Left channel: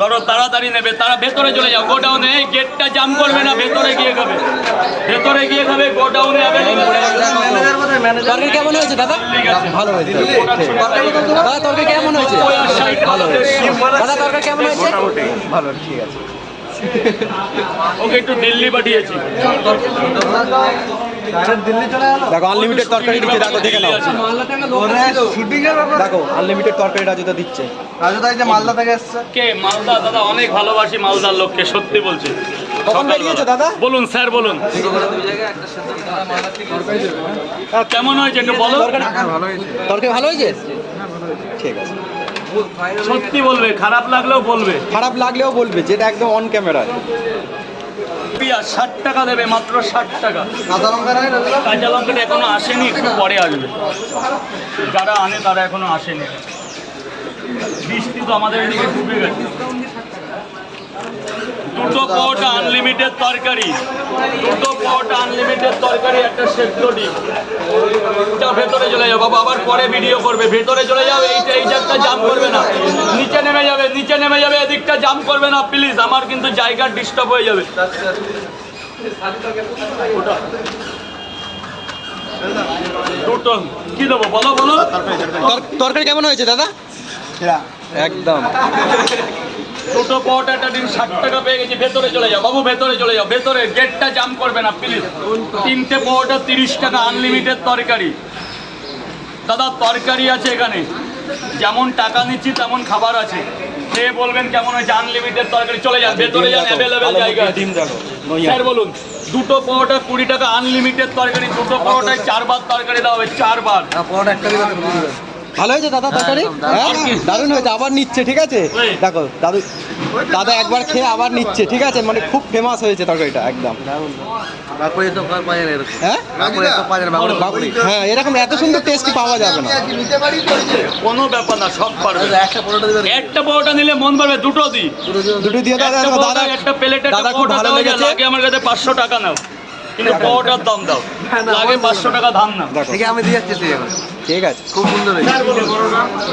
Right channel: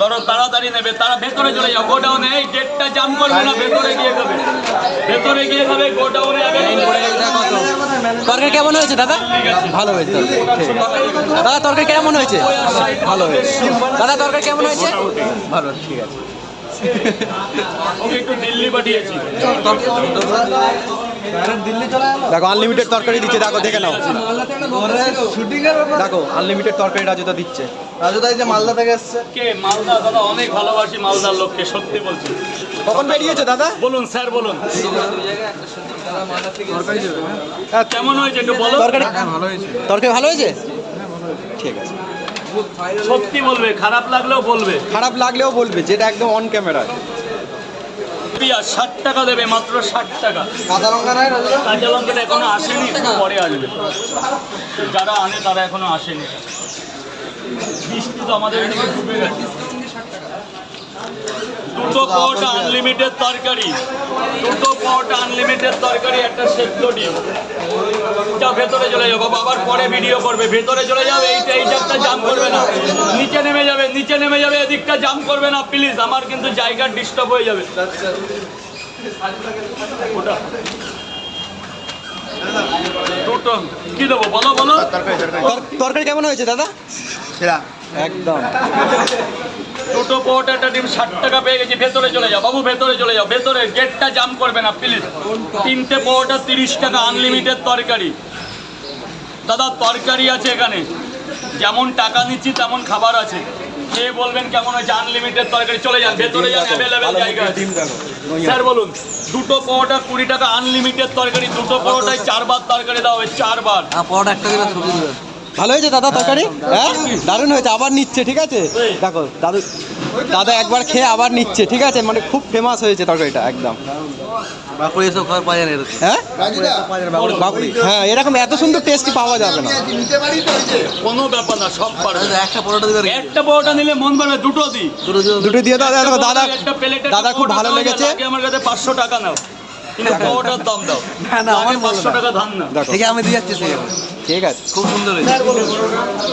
ধরো তাড়াতাড়ি নেবে, তারা ভেতরে চলে যাও, গোডাউনে এই গেটটা জাম করবে না, ভেতরে গিয়ে খাবে, ভেতরে গিয়ে খাবে, গোডাউনে যাবে। তরকারি কেমন হয়েছে দাদা? ভালো হয়েছে দাদা। তরকারি কেমন হয়েছে? ভালো হয়েছে দাদা। তরকারি কেমন হয়েছে? ভালো, ঠিক আছে। ওকে একটু দিল্লি পাঠিয়েছি। দেখো আনলিমিটেড তরকারি দিচ্ছে, দেখো দেখে নাও। দেখো আনলিমিটেড তরকারি রাজুদা দিচ্ছে। রাজুদা এই যে মালদা থেকে এসছে। কে মালদা? দাদা অনেক ভালোবাসি মালদার লোককে, সত্যি বলছি। কখন বেরিয়েছে দাদা? বলুন স্যার বলুন। কেমন হয়েছে একটু বলো। তরকারি ভালো হয়েছে, ঠিক আছে। সত্যি বলবে, খারাপ লাগলেও বলবে। খারাপ লাগলেও বলবে, যেটা একদম অন ক্যামেরা। পেঁয়াজ 60 টাকা দেবে, মাত্র 60 টাকা। কাঁচা লঙ্কাটা এখনো আসেনি, একটু পরে আসবে। যারা আনে তারা এখনো আসেনি। বৃষ্টি তো আমাদের এদিকে ডুবে গেছে। দুটো পরোটা আনলিমিটেড তরকারি, দুটো পরোটা আনলিমিটেড তরকারি, একটা সেদ্ধ ডিম। এটা ভেতরে চলে যাও বাবা, আবার পরে ভিডিও করবে। ভেতরে চলে যাও, এইটা জাম করবে না, নিচে নেমে যাবে, নিচে নেমে যাবে, এদিকটা জাম করবে না প্লিজ, আমার কিন্তু জায়গা ডিস্টার্ব হয়ে যাবে। ওটা দুটো কি দেবো বলো বলো। তরকারি কেমন হয়েছে দাদা? একদম। দুটো পরোটা একটা ডিম 60 টাকা পেয়ে গেছি। ভেতরে চলে যাও বাবু, ভেতরে চলে যাও, ভেতরে গেটটা জাম করবে না প্লিজ। 3টে পরোটা 30 টাকা, আনলিমিটেড তরকারি। দাদা তরকারি আছে এখানে, যেমন টাকা নিচ্ছি তেমন খাবার আছে। সে বলবেন কেমন হয়েছে, আনলিমিটেড তরকারি। চলে যান ভেতরে, যান, অ্যাভেলেবেল জায়গা। ডিম দেখো স্যার বলুন। দুটো পরোটা 20 টাকা, আনলিমিটেড তরকারি। দুটো পরোটায় 4 বার তরকারি দেওয়া হবে, 4 বার। ভালো হয়েছে দাদা তরকারি? হ্যাঁ দারুণ হয়েছে, আবার নিচ্ছে, ঠিক আছে। দেখো দাদা একবার খেয়ে আবার নিচ্ছে, ঠিক আছে। মানে খুব ফেমাস হয়েছে তরকারিটা একদম। হ্যাঁ এরকম এত সুন্দর টেস্টি পাওয়া যাবে না। কোনো ব্যাপার না, সব পারবে। একটা পরোটা নিলে মন ভরবে, দুটো দিই। দুটো দিয়ে দাদা। দাদা একটা প্লেটে দাদা খুব ভালো লেগেছে। আমার কাছে 500 টাকা নাও, কিন্তু পরোটার দাম দাও, লাগে 500 টাকা দাম নাও। ঠিক আমি দিয়ে যাচ্ছি, ঠিক আছে। খুব সুন্দর হয়েছে।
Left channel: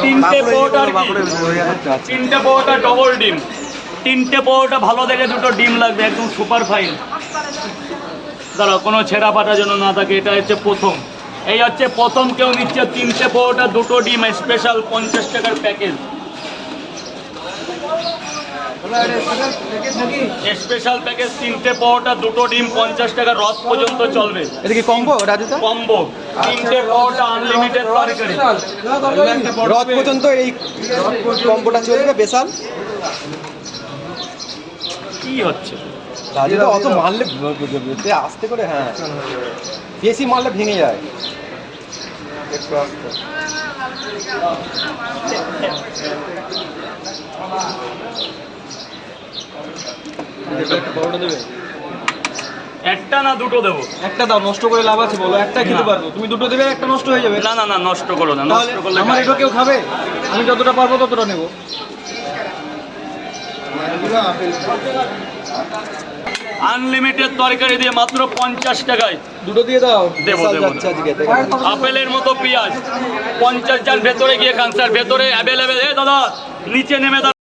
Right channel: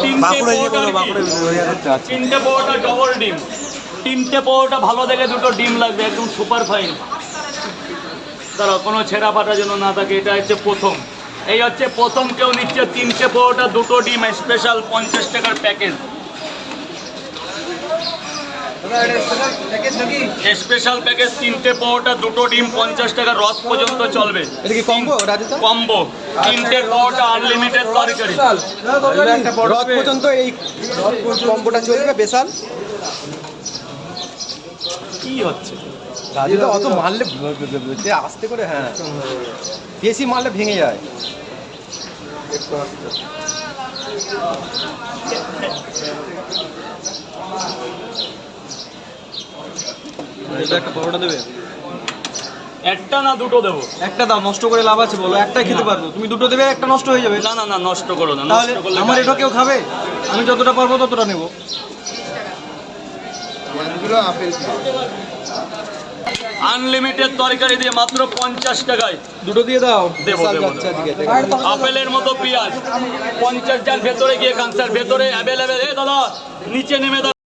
3টে পরোটা, 3টে পরোটা ডবল ডিম। 3টে পরোটা ভালো দেখে দুটো ডিম লাগবে, একদম সুপার ফাইন। দাঁড়াও, কোনো ছেঁড়া ফাটা যেন না থাকে। এটা হচ্ছে প্রথম, এই হচ্ছে প্রথম কেউ নিচ্ছে। 3টে পরোটা দুটো ডিম স্পেশাল, 50 টাকার প্যাকেজ। স্পেশাল প্যাকেজ 3টে পরোটা দুটো ডিম 50 টাকা, রথ পর্যন্ত চলবে। এটা কি কম্বো? কম্বো 3টে পরোটা আনলিমিটেড তরকারি, রথ পর্যন্ত এই কম্বোটা চলবে। বেশাল কি হচ্ছে রাজুদা, অত মারলে আস্তে করে, হ্যাঁ বেশি মারলে ভেঙে যায়। একটু আস্তে। একটা না দুটো দেবো? একটা দাও, নষ্ট করে লাভ আছে বলো? একটা খেতে পারবো, তুমি দুটো দেবে, একটা নষ্ট হয়ে যাবে। না না না, নষ্ট করো না, নষ্ট করলে আমার এটা কেউ খাবে? আমি যতটা পারবো ততটা নেবো। আনলিমিটেড তরকারি দিয়ে মাত্র 50 টাকায় দুটো দিয়ে দাও। দেবো দেবো। আপেলের মতো পেঁয়াজ 50 জন ভেতরে গিয়ে কানসার, ভেতরে অ্যাভেলেবেল। দাদা নিচে নেমে